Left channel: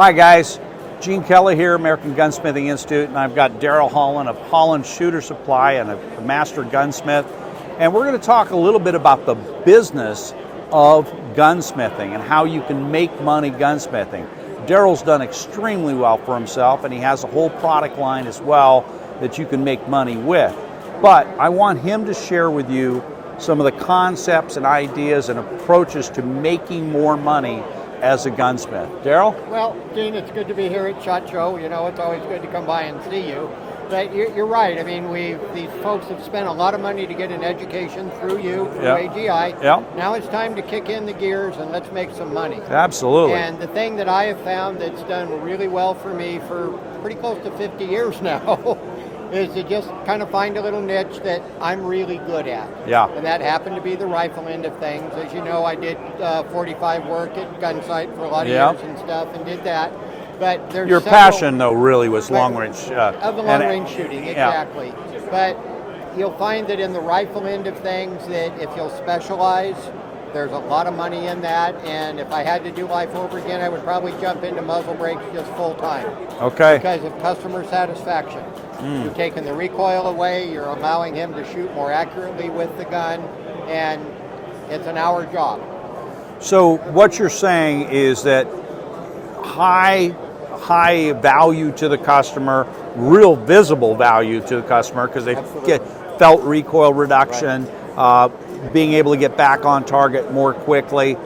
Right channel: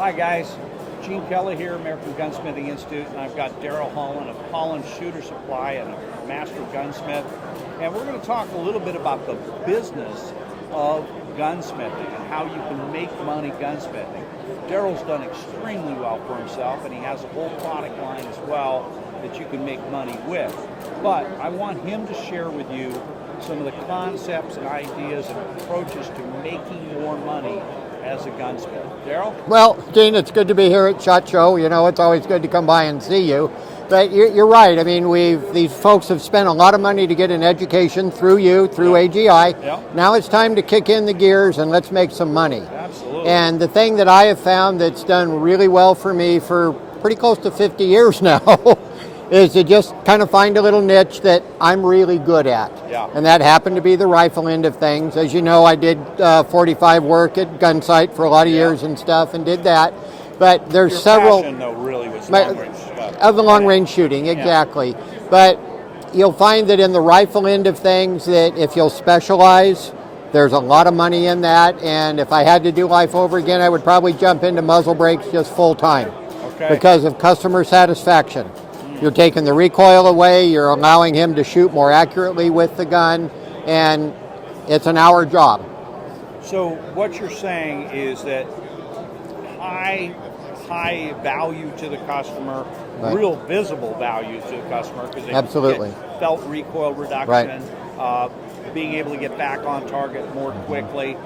Hi guys, Gene Kelly here, American Gunsmithing Institute, and I've got Darrell Holland of Holland Shooter Supply and a master gunsmith. And we're going to talk a little bit about the business of gunsmithing and how you can make money gunsmithing. Darrell's done extremely well for himself, and he has a whole product line as well that you can make money with. But I want him to share with you some of the concepts and ideas and approaches to making more money as a gunsmith. Darrell? Well, Gene, it's good to be here at SHOT Show. You know, it's always good to come by and see you. But you're right. I mean, these folks have spent a lot of money to get an education through you, through AGI. Yeah. Now it's time to kick in the gears and let's make some money. Absolutely. And the thing that I have found that's done really well for me for pretty close to 50 years now is to just kind of find a little niche that I'm really good at. Yeah. And that happened to be the rifle end of things. As you know, I did 45 work at Gunsight for a lot of years and stuff, and did that. But there's your several, passion, though, really was long range. Of the long range shooting, exactly. Yeah. But you'll find that in the rifle end of things, that if you'll specialize, there's a lot of money in that. And if I had to do life over again, I would probably jump into muzzle brakes just full time. Okay. Because of customer satisfaction. You're taking the recoil away, you're allowing him to shoot more accurately with the gun, and it's an hour job. So what you're saying is that high value to the customer, real visible value to the customer, because they get felt recoil reduction, being able to get back on target more quickly,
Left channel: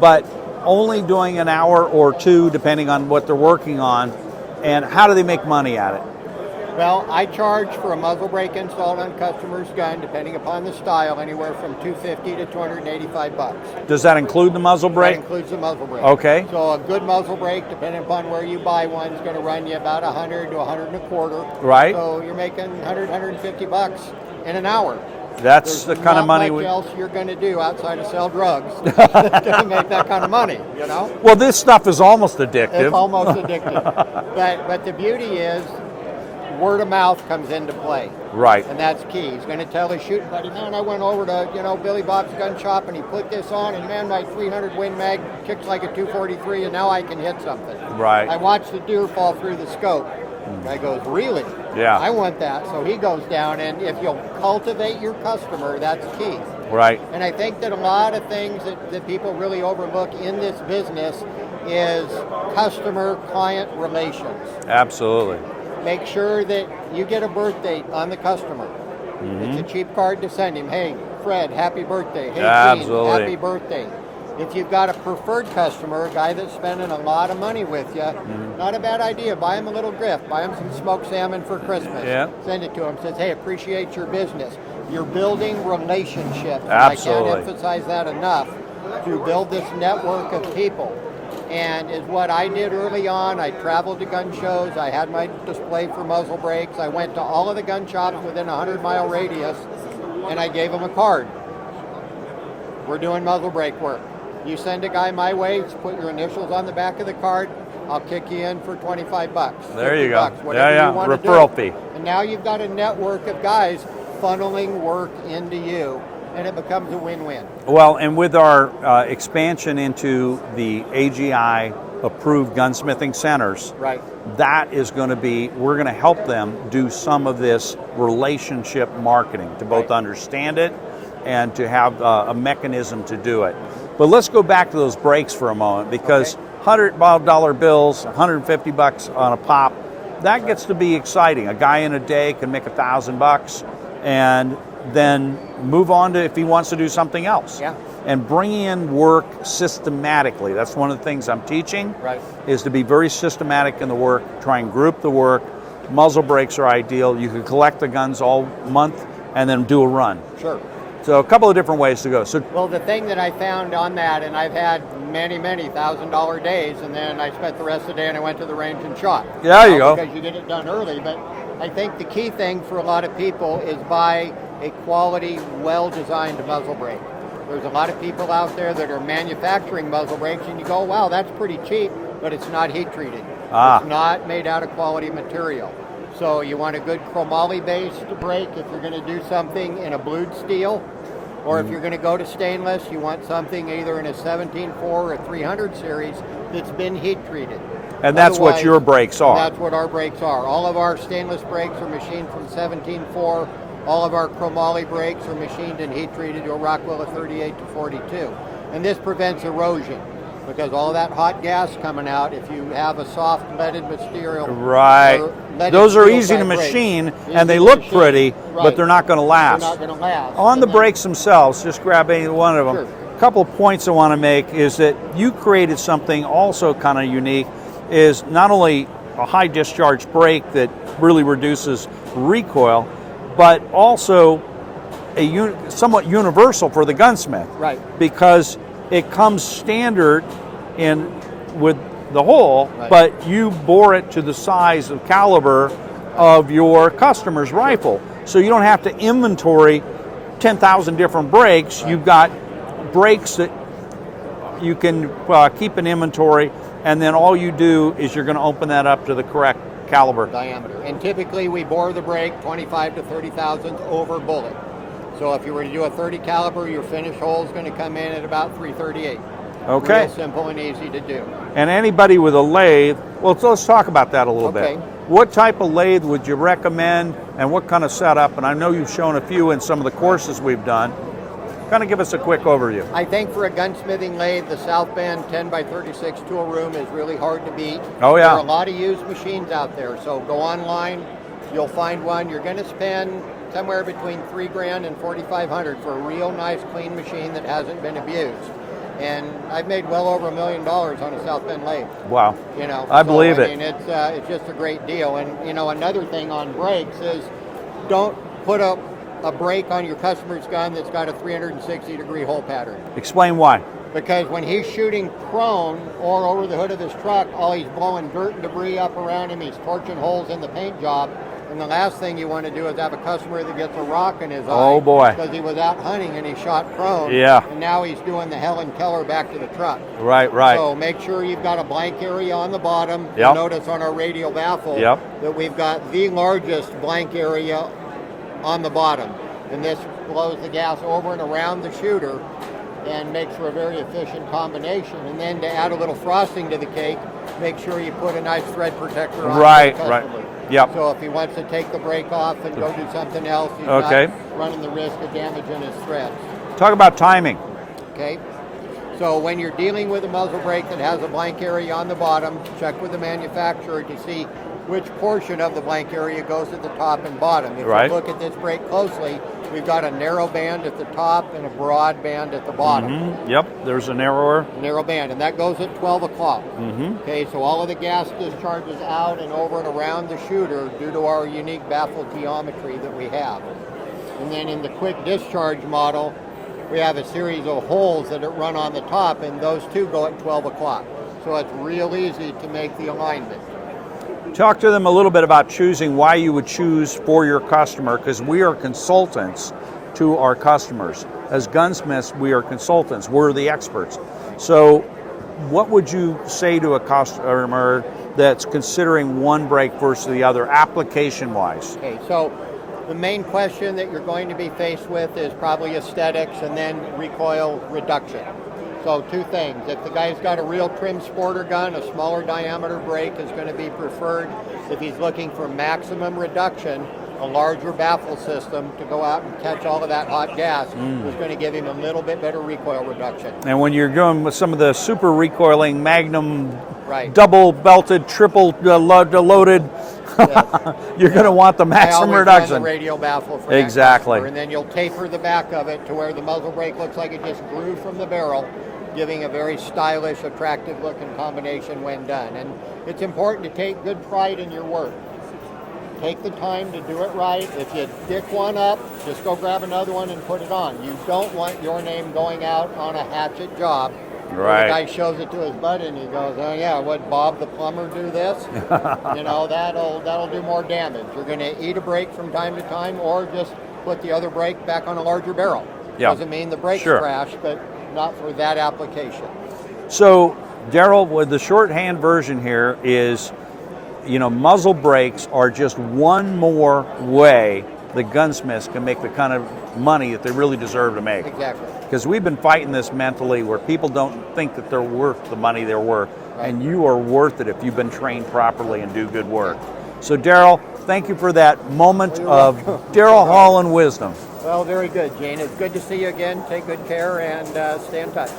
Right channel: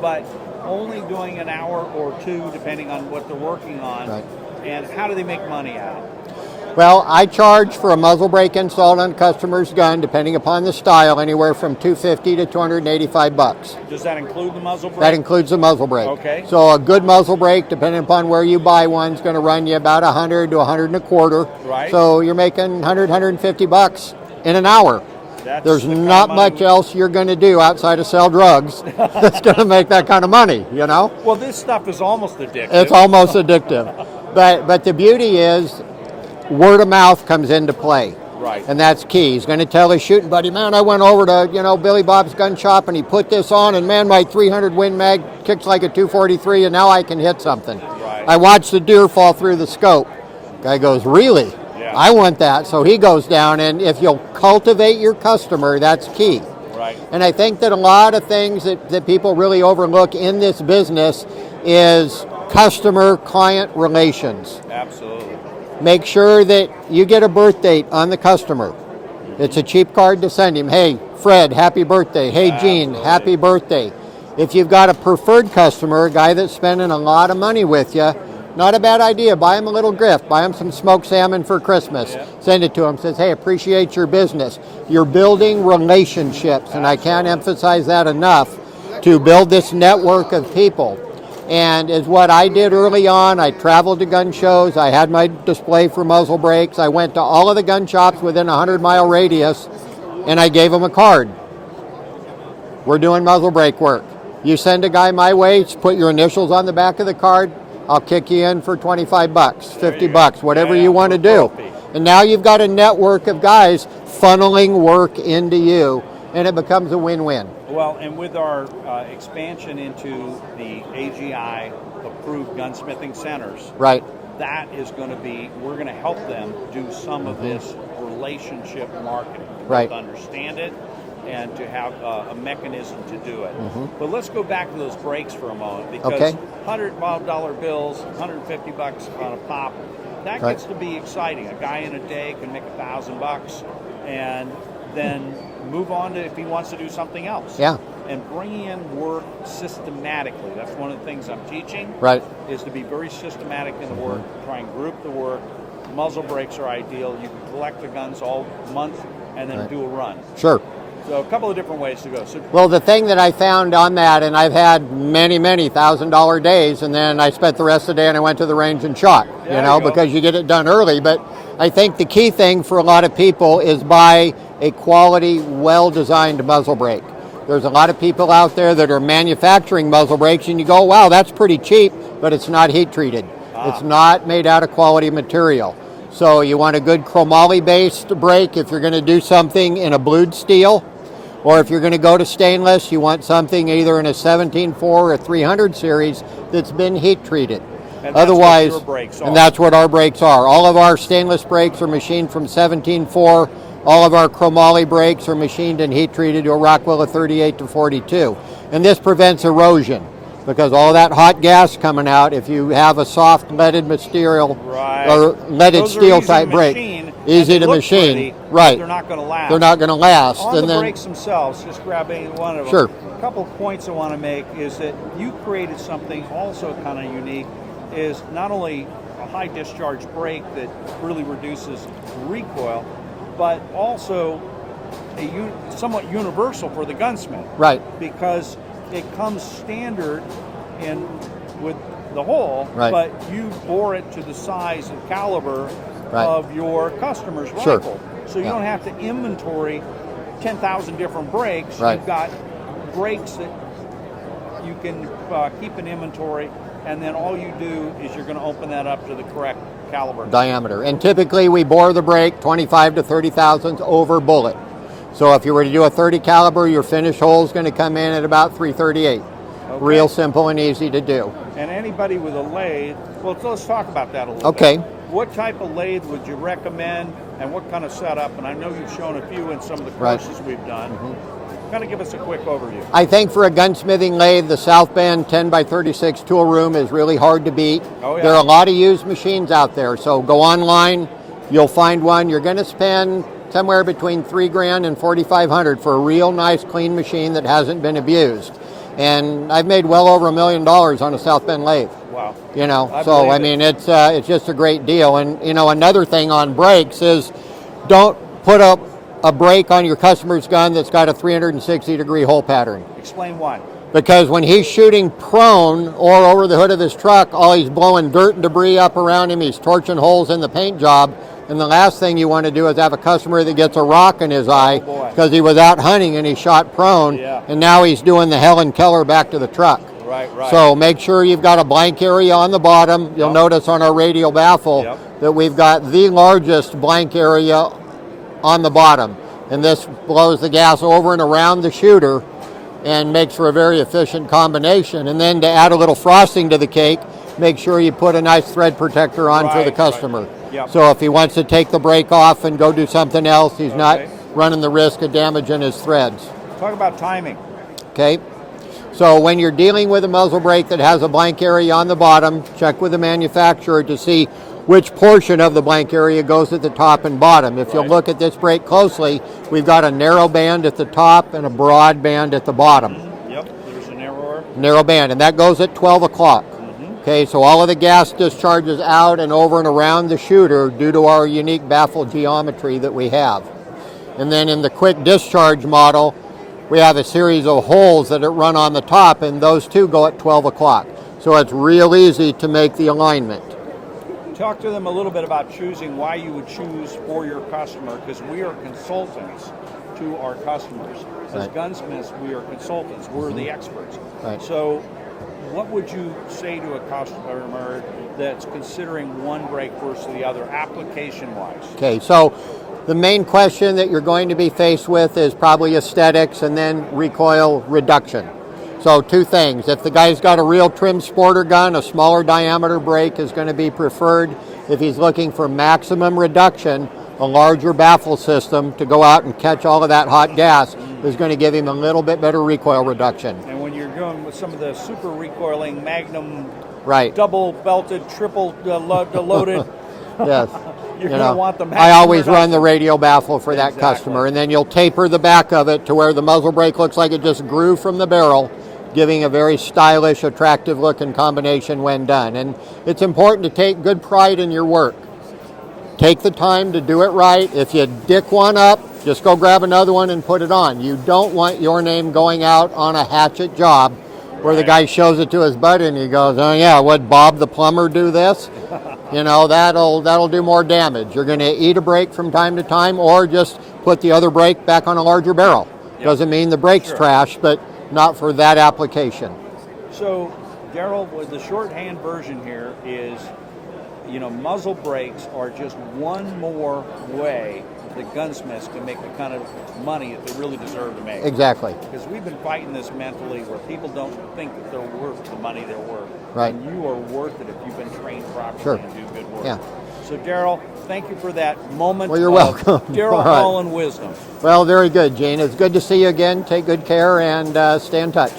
but only doing an hour or two depending on what they're working on. And how do they make money at it? Well, I charge for a muzzle brake installed on a customer's gun, depending upon the style, anywhere from $250 to $285. Does that include the muzzle brake? That includes the muzzle brake. Okay. So a good muzzle brake, depending upon where you buy one, is going to run you about $100 to $125. Right. So you're making $100, $150 in an hour. There's the kind not of money much else you're going to do outside of sell drugs that's going to make that kind of money, you know? Well, this stuff is almost addictive. It's almost addictive. But the beauty is, word of mouth comes into play. Right. And that's key. He's going to tell his shooting buddy, man, I went over to, Billy Bob's gun shop and he put this on, and man, my 300 Win Mag kicks like a 243 and now I can hit something. Right. I watched the deer fall through the scope. Guy goes, really? Yeah. I want that. So he goes down, and if you'll cultivate your customer, that's key. Right. And I think that a lot of things that people really overlook in this business is customer-client relations. Absolutely. Make sure that you get a birth date on the customer. It's a cheap card to send him. Hey, Fred, happy birthday. Hey, Gene, happy birthday. If you've got a preferred customer, a guy that's spending a lot of money with you, not a bad idea. Buy him a little gift. Buy him some smoked salmon for Christmas. Yeah. Send it to him. Says, hey, appreciate your business. You're building relationships. And I can't emphasize that enough, to build this network of people. And is what I did early on. I traveled to gun shows. I had my display for muzzle brakes. I went to all of the gun shops within a 100-mile radius, and I gave them a card. We're doing muzzle brake work. You send a guy my way, put your initials on the back of the card, I'll kick you in for $25, $50, whatever you want to do. And now you've got a network of guys funneling work into you, and it becomes a win-win. Well, and with our expansion into the AGI approved gunsmithing centers, that is going to be, we're going to help them do some of this relationship marketing to both understand it and to have a mechanism to do it. But let's go back to those brakes for a moment, because $100 bills, $150 on a pop, that gets to be exciting. A guy in a day can make $1,000 and then move on to if he wants to do something else. Yeah. And bringing in work systematically. That's one of the things I'm teaching, is to be very systematic in the work, try and group the work. Muzzle brakes are ideal. You can collect the guns all month and then do a run. Sure. So a couple of different ways to go. Well, the thing that I found on that, and I've had many $1,000 days, and then I spent the rest of the day and I went to the range and shot. Yeah, you go. Because you get it done early. But I think the key thing for a lot of people is buy a quality, well-designed muzzle brake. There's a lot of people out there that are manufacturing muzzle brakes, and you go, wow, that's pretty cheap, but it's not heat treated. It's not made out of quality material. So you want a good chromoly-based brake if you're going to do something in a blued steel. Or if you're going to go to stainless, you want something either in a 17.4 or 300 series that's been heat treated. And that's what your brakes are. And that's what our brakes are. All of our stainless brakes are machined from 17.4. All of our chromoly brakes are machined and heat treated to a Rockwell of 38 to 42. And this prevents erosion, because all that hot gas coming out, if you have a soft leaded material, or leaded those are steel easy to type brake, machine, and they look pretty, but they're not going to last. They're not going to last. On the brakes themselves, just grab any one of them. Sure. A couple of points I want to make is that you created something also kind of unique, is not only a high discharge brake that really reduces recoil, but also somewhat universal for the gunsmith. Right. Because it comes standard in with the hole, but you bore it to the size and caliber of your customer's rifle. So you don't have to inventory 10,000 different brakes. You've got brakes that you can keep in inventory, and then all you do is you're going to open that up to the correct caliber. Diameter. And typically we bore the brake 25 to 30 thousandths over bullet. So if you were to do a 30 caliber, your finish hole is going to come in at about 338. Okay. Real simple and easy to do. And anybody with a lathe, well, let's talk about that a little bit. Okay. What type of lathe would you recommend, and what kind of setup? And I know you've shown a few in some of the courses we've done. Kind of give us a quick overview. I think for a gunsmithing lathe, the South Bend 10 by 36 tool room is really hard to beat. Oh yeah. There are a lot of used machines out there, so go online, you'll find one. You're going to spend somewhere between $3,000 and $4,500 for a real nice clean machine that hasn't been abused. And I've made well over $1 million on a South Bend lathe. Wow. You know, I believe it. I mean, it's just a great deal. And you know, another thing on brakes is don't put up a brake on your customer's gun that's got a 360-degree hole pattern. Explain why. Because when he's shooting prone or over the hood of his truck, all he's blowing dirt and debris up around him, he's torching holes in the paint job, and the last thing you want to do is have a customer that gets a rock in his eye because he was out hunting and he shot prone, and now he's doing the Helen Keller back to the truck. Right, right. So make sure you've got a blank area on the bottom. You'll notice on our radial baffle that we've got the largest blank area on the bottom, and this blows the gas over and around the shooter and makes for a very efficient combination. And then to add a little frosting to the cake, make sure you put a nice thread protector on for the customer. Yep. So if he wants to take the brake off and go do something else, he's not running the risk of damaging his threads. Talk about timing. Okay. So when you're dealing with a muzzle brake that has a blank area on the bottom, check with the manufacturer to see which portion of the blank area goes at the top and bottom. If you look at this brake closely, we've got a narrow band at the top and a broad band at the bottom. Yep, there's a narrow band, and that goes at 12 o'clock. Okay, so all of the gas discharges out and over and around the shooter due to our unique baffle geometry that we have. And then in the quick discharge model, we have a series of holes that run on the top, and those two go at 12 o'clock. So it's real easy to make the alignment. Talk to them a little bit about choosing why you would choose for your customer, because we are consultants to our customers. As gunsmiths, we are consultants. We're the experts. So what would you say to a customer that's considering one brake versus the other, application-wise? Okay, so the main question that you're going to be faced with is probably aesthetics and then recoil reduction. So two things. If the guy's got a real trim sporter gun, a smaller diameter brake is going to be preferred. If he's looking for maximum reduction, a larger baffle system to go out and catch all of that hot gas is going to give him a little bit better recoil reduction. And when you're going with some of the super recoiling Magnum, double belted, triple loaded, you're going to want the maximum I always reduction. run the radial baffle for that customer, and then you'll taper the back of it to where the muzzle brake looks like it just grew from the barrel, giving a very stylish, attractive looking combination when done. And it's important to take good pride in your work. Take the time to do it right. If you dick one up, just go grab another one and put it on. You don't want your name going out on a hatchet job where the guy shows it to his buddy and he goes, oh yeah, would Bob the plumber do this? You know, that'll do more damage. You're going to eat a brake from time to time, or just put the other brake back on a larger barrel. Doesn't mean the brake's trash, but not for that application. So, Darrell, with the shorthand version here is, you know, muzzle brakes are just one more way the gunsmiths can make the kind of money that they really deserve to make. Exactly. Because we've been fighting this mentally where people don't think that they're worth the money they're worth. Right. And you are worth it if you've been trained properly Sure. and do good work. Yeah. So Darrell, thank you for that moment Well, you're of welcome. Darrell All right. Holland wisdom. Well, very good, Gene. It's good to see you again. Take good care and stay in touch.